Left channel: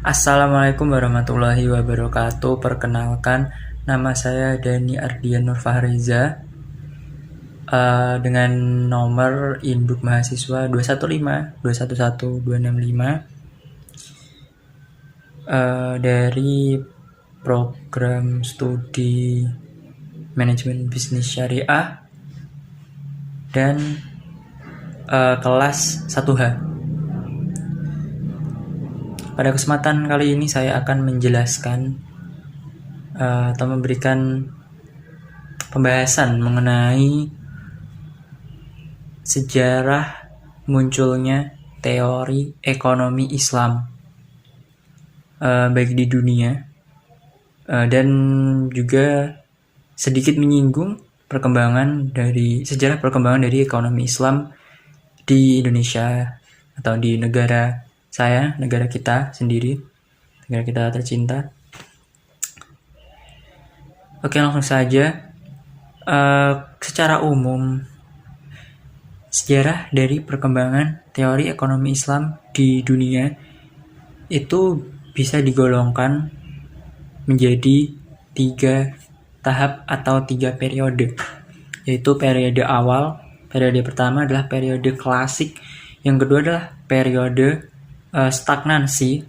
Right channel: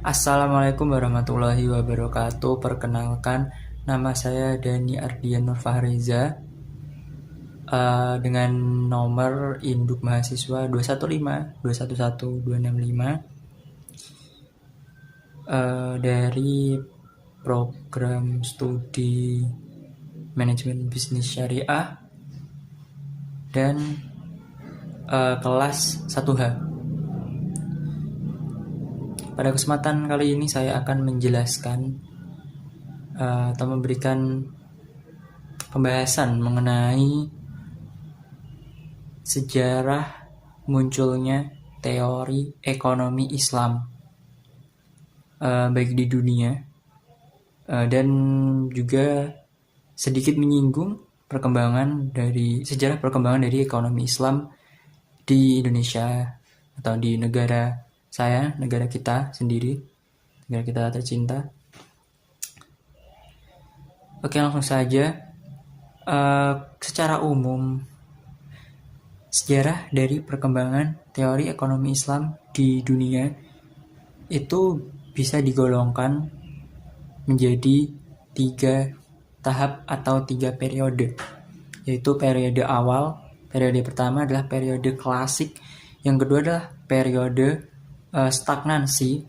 Assalamualaikum warahmatullahi wabarakatuh. Perkenalkan, nama saya Dani Ardian Nur Fahreza, dengan nomor induk mahasiswa 215 dari program studi manajemen bisnis syariah dan kelas 1H. Pada kesempatan kali ini saya akan menjelaskan atau memberikan pembahasan mengenai sejarah munculnya teori ekonomi Islam baik di dunia dan juga sedikit menyinggung sejarah perkembangan dari ekonomi Islam di Indonesia atau di negara kita sendiri, negara kita tercinta. Oke, langsung saja. Secara umum, sejarah dari perkembangan teori ekonomi Islam di dunia itu bisa digolongkan menjadi 3 tahap atau 3 periode, yaitu periode awal. Periode pertama adalah periode klasik, yang kedua adalah periode stagnansi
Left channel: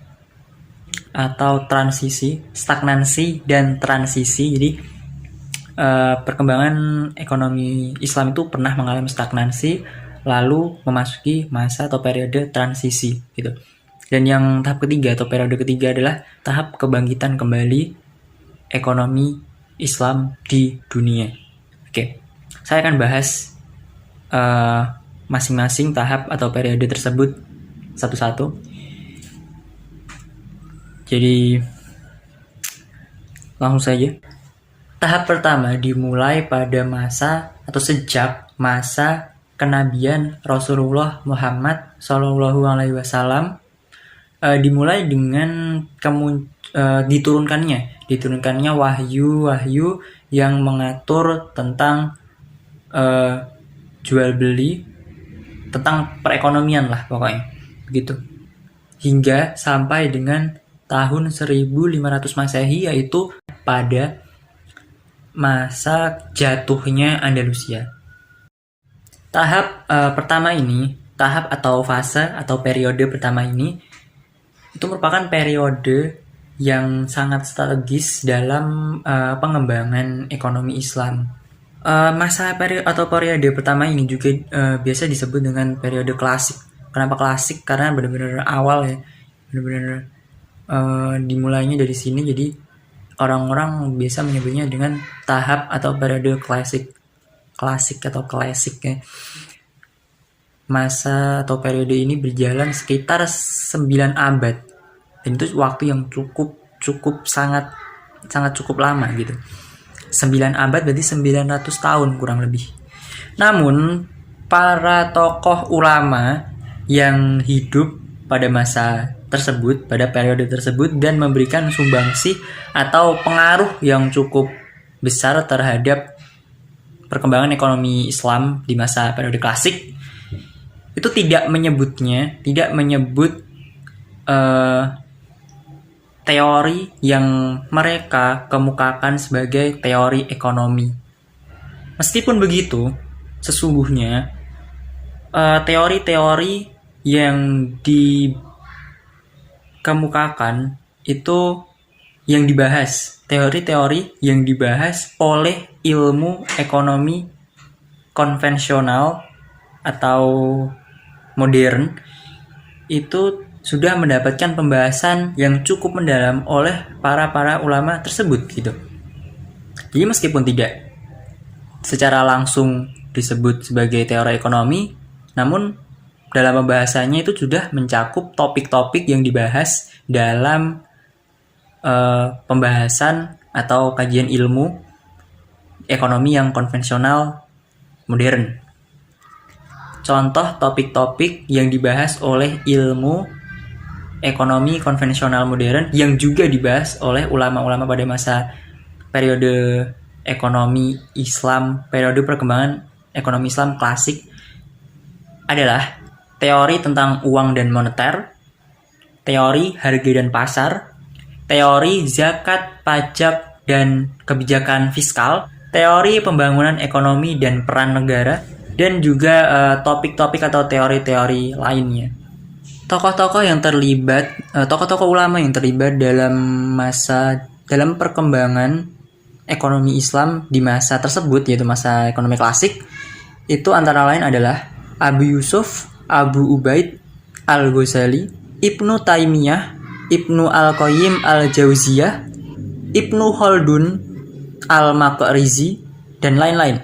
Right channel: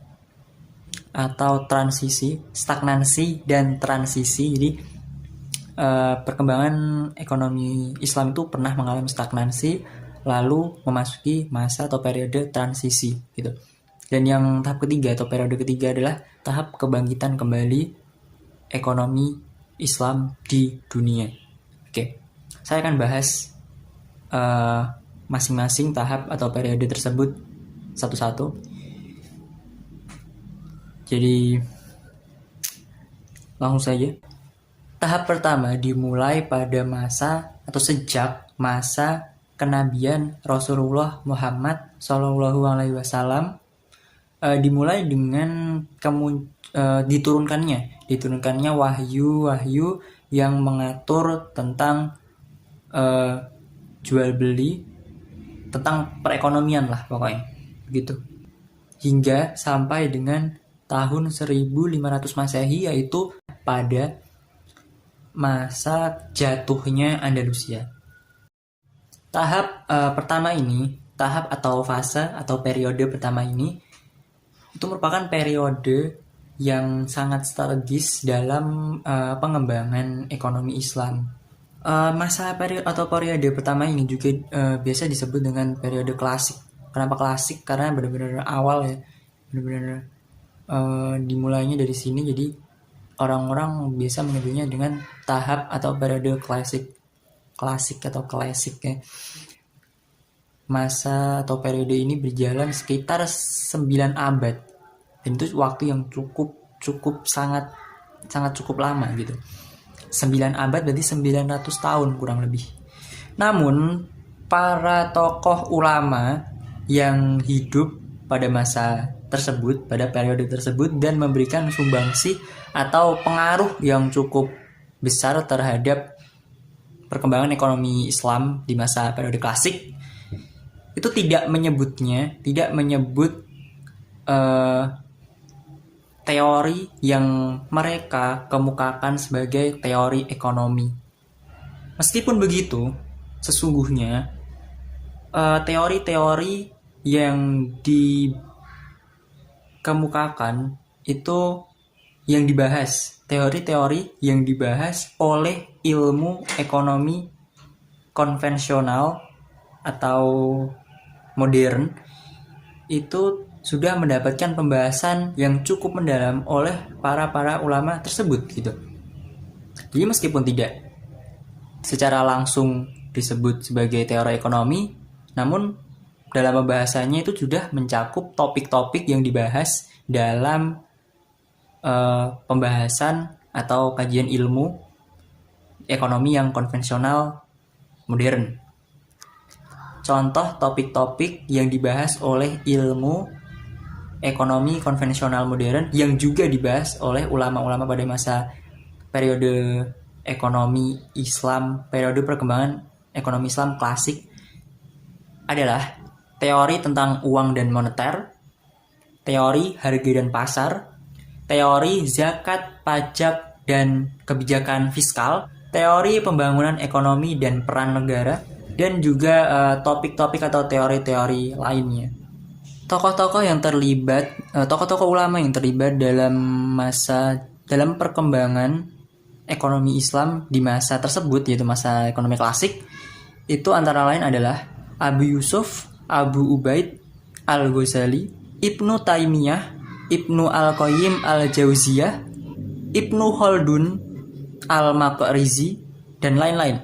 atau transisi, stagnansi dan transisi. Jadi perkembangan ekonomi Islam itu pernah mengalami stagnansi lalu memasuki masa atau periode transisi gitu. Dan yang tahap ketiga atau periode ketiga adalah tahap kebangkitan kembali ekonomi Islam di dunia. Oke, saya akan bahas masing-masing tahap atau periode tersebut satu-satu. Jadi langsung saja. Tahap pertama dimulai pada masa atau sejak masa kenabian Rasulullah Muhammad SAW, dimulai dengan diturunkannya wahyu yang mengatur tentang jual beli, tentang perekonomian lah pokoknya begitu, hingga sampai dengan tahun 1500 Masehi, yaitu pada masa jatuhnya Andalusia. Tahap pertama ini, tahap atau fase atau periode pertama ini, itu merupakan periode yang sangat strategis dalam pengembangan ekonomi Islam. Masa periode pertama ini juga biasa disebut dengan periode klasik. Kenapa klasik? Karena benar-benar awal ya, benar-benar dimulainya dari sini. Jadi orang-orang biasa menyebutnya dengan tahap atau periode klasik ya. Masa atau periode ini berjalan sekitar 9 abad, dan itu waktu yang sangat cukup lama gitu. 9 abad berarti 900 tahun kurang lebih. Namun para tokoh ulama yang hidup pada masa tersebut, pada periode tersebut, dan memberikan sumbangsi atau pengaruh yang cukup besar terhadap perkembangan ekonomi Islam di masa periode klasik, itu tidak menyebut teori yang mereka kemukakan sebagai teori ekonomi. Meskipun begitu, sesungguhnya teori-teori yang dikemukakan itu yang dibahas, teori-teori yang dibahas oleh ilmu ekonomi konvensional atau modern, itu sudah mendapatkan pembahasan yang cukup mendalam oleh para ulama tersebut gitu. Jadi meskipun tidak secara langsung disebut sebagai teori ekonomi, namun dalam pembahasannya itu sudah mencakup topik-topik yang dibahas dalam pembahasan atau kajian ilmu ekonomi yang konvensional modern. Contoh topik-topik yang dibahas oleh ilmu ekonomi konvensional modern yang juga dibahas oleh ulama-ulama pada masa periode ekonomi Islam, periode perkembangan ekonomi Islam klasik adalah teori tentang uang dan moneter, teori harga dan pasar, teori zakat, pajak, dan kebijakan fiskal, teori pembangunan ekonomi dan peran negara, dan juga topik-topik atau teori-teori lainnya. Tokoh-tokoh ulama yang terlibat dalam perkembangan ekonomi Islam di masa tersebut, yaitu masa ekonomi klasik, itu antara lain adalah Abu Yusuf, Abu Ubaid Al-Ghazali, Ibnu Taimiyah, Ibnu Al-Qayyim Al-Jauziyah, Ibnu Khaldun Al-Maqrizi, dan lain-lain.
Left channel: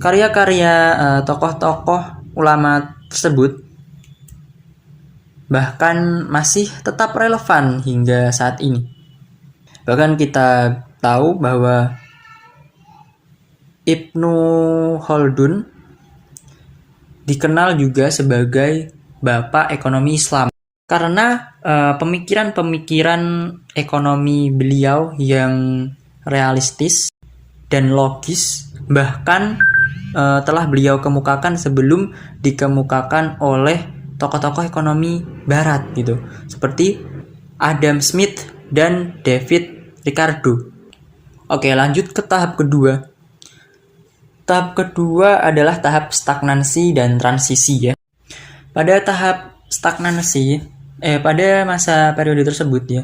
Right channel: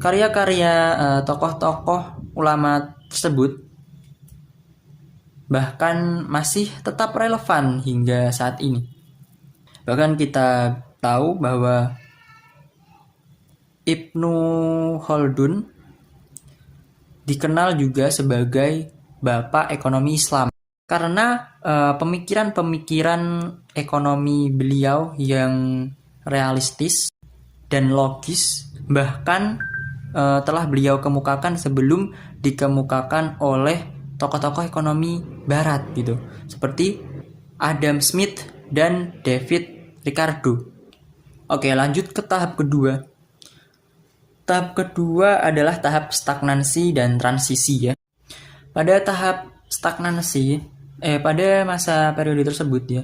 Karya-karya tokoh-tokoh ulama tersebut bahkan masih tetap relevan hingga saat ini. Bahkan kita tahu bahwa Ibnu Khaldun dikenal juga sebagai Bapak Ekonomi Islam karena pemikiran-pemikiran ekonomi beliau yang realistis dan logis, bahkan telah beliau kemukakan sebelum dikemukakan oleh tokoh-tokoh ekonomi barat gitu, seperti Adam Smith dan David Ricardo. Oke, lanjut ke tahap kedua. Tahap kedua adalah tahap stagnansi dan transisi ya. Pada tahap stagnansi, pada masa periode tersebut ya,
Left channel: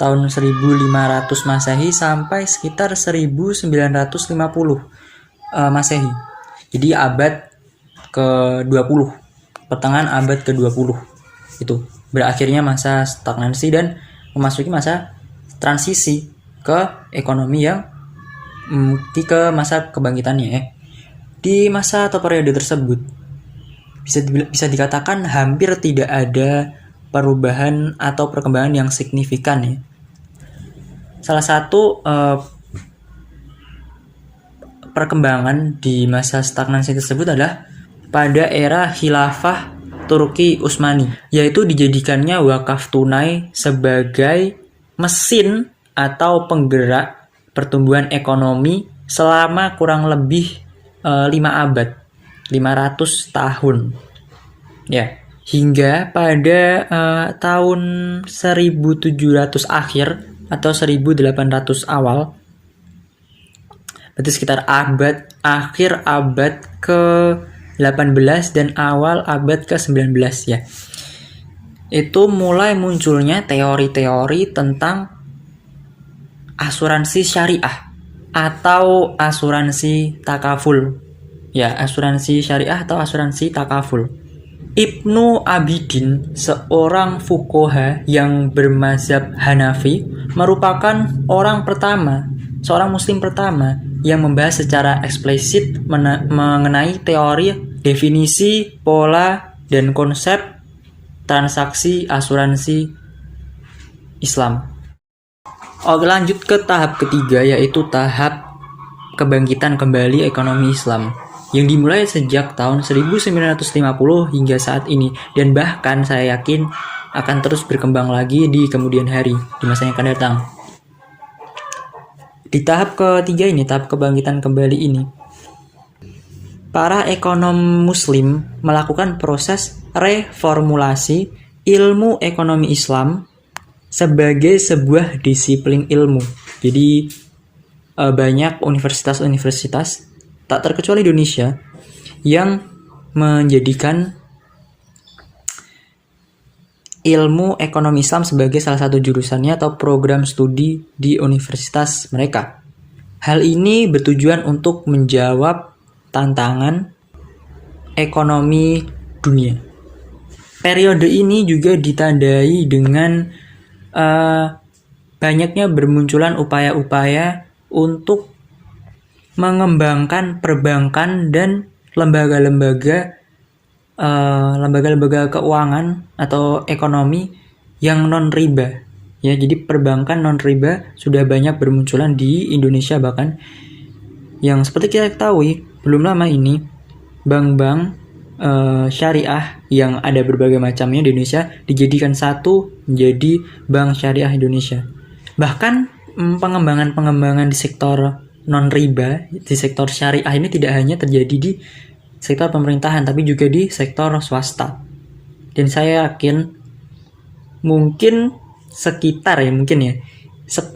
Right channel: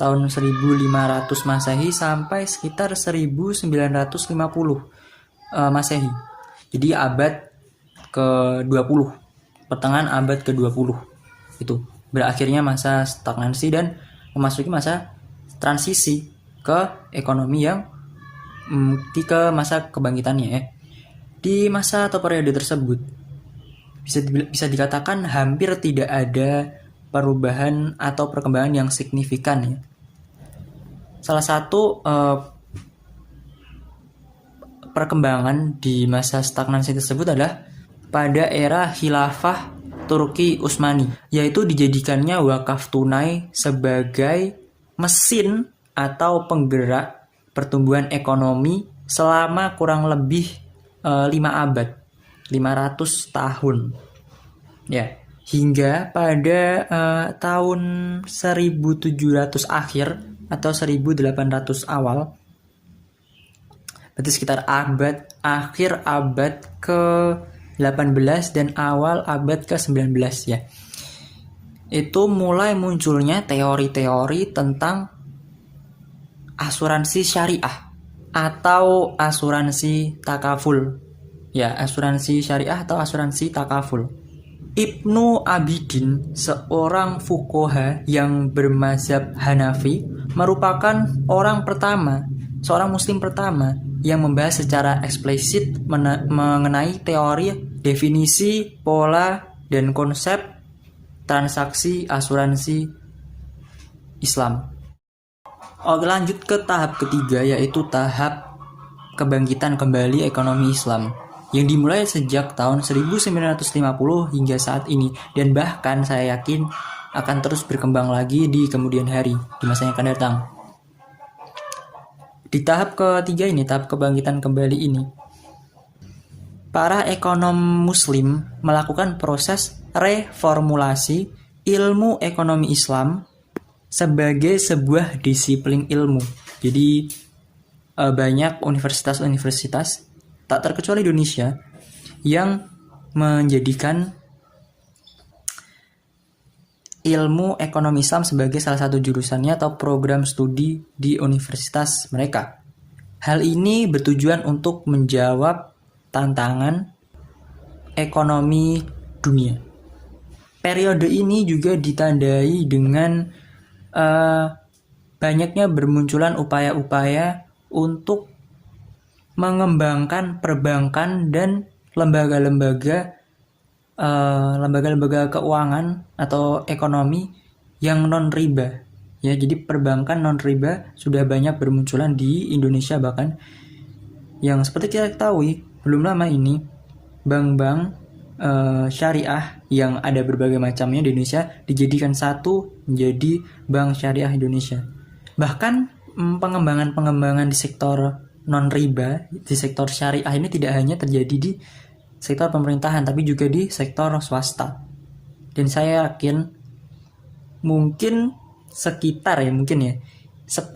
tahun 1500 Masehi sampai sekitar 1950 Masehi. Jadi abad ke-20, pertengahan abad ke-20 itu berakhirnya masa stagnansi dan memasuki masa transisi ke ekonomi yang ke masa kebangkitannya ya. Di masa atau periode tersebut bisa dikatakan hampir tidak ada perubahan atau perkembangan yang signifikan ya. Salah satu perkembangan di masa stagnansi tersebut adalah pada era Khilafah Turki Utsmani, yaitu dijadikannya wakaf tunai sebagai mesin atau penggerak pertumbuhan ekonomi selama kurang lebih 5 abad, 500 tahun. Ya, hingga pada tahun 1700 akhir atau 1800 awal, berarti sekitar akhir abad ke-18 dan awal abad ke-19 ya. Itu mulai munculnya teori-teori tentang asuransi syariah atau asuransi takaful. Ya, asuransi syariah atau asuransi takaful. Ibnu Abidin, seorang fuqaha yang bermazhab Hanafi, merupakan seorang muslim pertama yang membahas secara eksplisit mengenai teori, definisi, pola, dan konsep transaksi asuransi Islam. Oke, lanjut ke tahap ketiga, yaitu tahap kebangkitan kembali ekonomi Islam yang dimulai sejak tahun 1950 hingga saat ini, dan bahkan saya yakin akan terus berkembang lagi di kemudian hari, di masa yang akan datang. Di tahap ketiga ini, tahap kebangkitan kembali ini, para ekonom muslim melakukan proses reformulasi ilmu ekonomi Islam sebagai sebuah disiplin ilmu. Jadi banyak universitas-universitas, tak terkecuali Indonesia, yang menjadikan ilmu ekonomi Islam sebagai salah satu jurusannya atau program studi di universitas mereka. Hal ini bertujuan untuk menjawab tantangan ekonomi dunia. Periode ini juga ditandai dengan banyaknya bermunculan upaya-upaya untuk mengembangkan perbankan dan lembaga-lembaga keuangan atau ekonomi yang non-riba. Ya, jadi perbankan non-riba sudah banyak bermunculan di Indonesia, bahkan yang seperti kita ketahui belum lama ini bank-bank syariah yang ada berbagai macamnya di Indonesia dijadikan satu menjadi Bank Syariah Indonesia. Bahkan pengembangan di sektor non-riba, di sektor syariah ini tidak hanya terjadi di sektor pemerintahan, tapi juga di sektor swasta. Dan saya yakin mungkin sekitar ya mungkin ya 10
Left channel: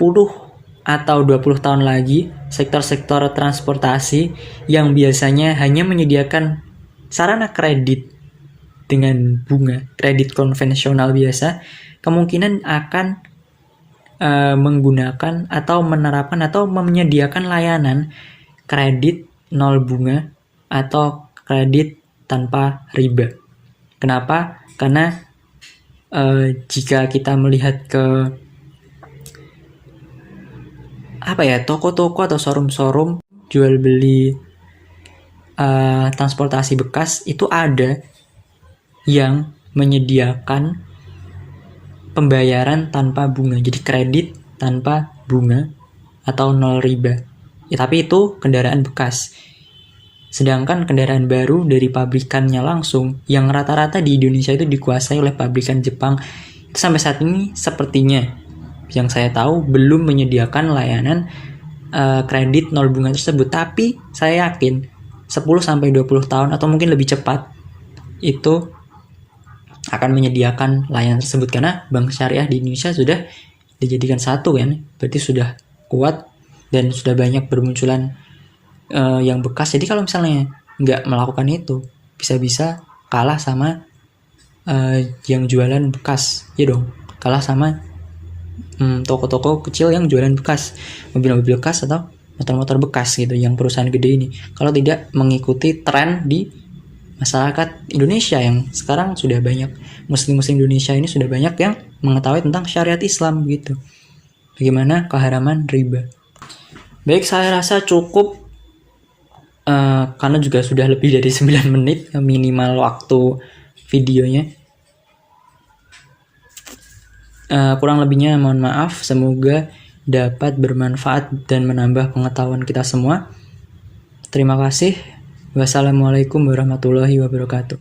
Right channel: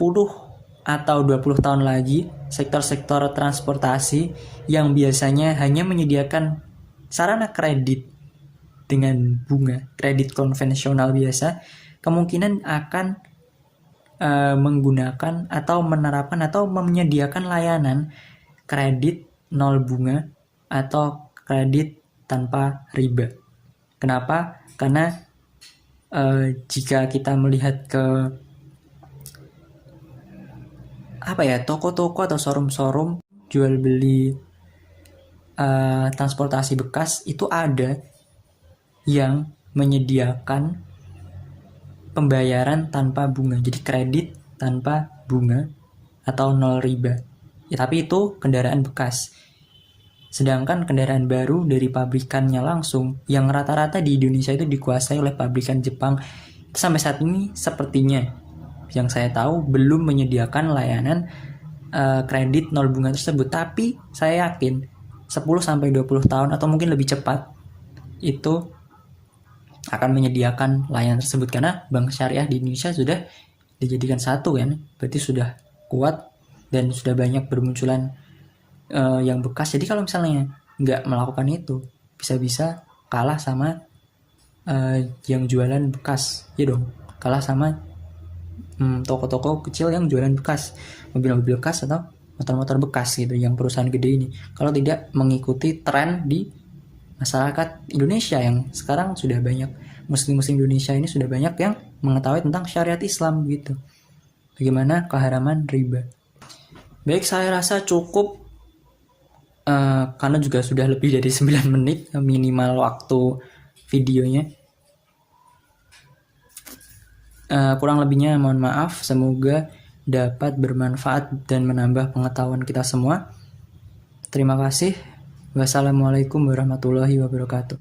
atau 20 tahun lagi sektor-sektor transportasi yang biasanya hanya menyediakan sarana kredit dengan bunga kredit konvensional biasa kemungkinan akan menggunakan atau menerapkan atau menyediakan layanan kredit nol bunga atau kredit tanpa riba. Kenapa? Karena jika kita melihat ke toko-toko atau showroom-showroom jual beli transportasi bekas itu ada yang menyediakan pembayaran tanpa bunga, jadi kredit tanpa bunga atau nol riba. Ya, tapi itu kendaraan bekas. Sedangkan kendaraan baru dari pabrikannya langsung, yang rata-rata di Indonesia itu dikuasai oleh pabrikan Jepang, itu sampai saat ini sepertinya yang saya tahu belum menyediakan layanan kredit nol bunga tersebut. Tapi saya yakin 10-20 tahun atau mungkin lebih cepat itu akan menyediakan layanan tersebut karena bank syariah di Indonesia sudah dijadikan satu kan, berarti sudah kuat dan sudah banyak bermunculan yang bekas. Jadi kalau misalnya nggak melakukan itu bisa-bisa kalah sama yang jualan bekas, ya dong, kalah sama toko-toko kecil yang jualan bekas, mobil-mobil bekas atau motor-motor bekas gitu, yang perusahaan gede ini kalau tidak mengikuti tren di masyarakat Indonesia yang sekarang sudah banyak muslim-muslim Indonesia ini sudah banyak yang mengetahui tentang syariat Islam gitu. Bagaimana keharaman riba. Baik, saya rasa cukup karena juga sudah lebih dari 9 menit minimal waktu videonya. Kurang lebihnya mohon maaf, semoga dapat bermanfaat dan menambah pengetahuan kita semua. Terima kasih. Wassalamualaikum warahmatullahi wabarakatuh.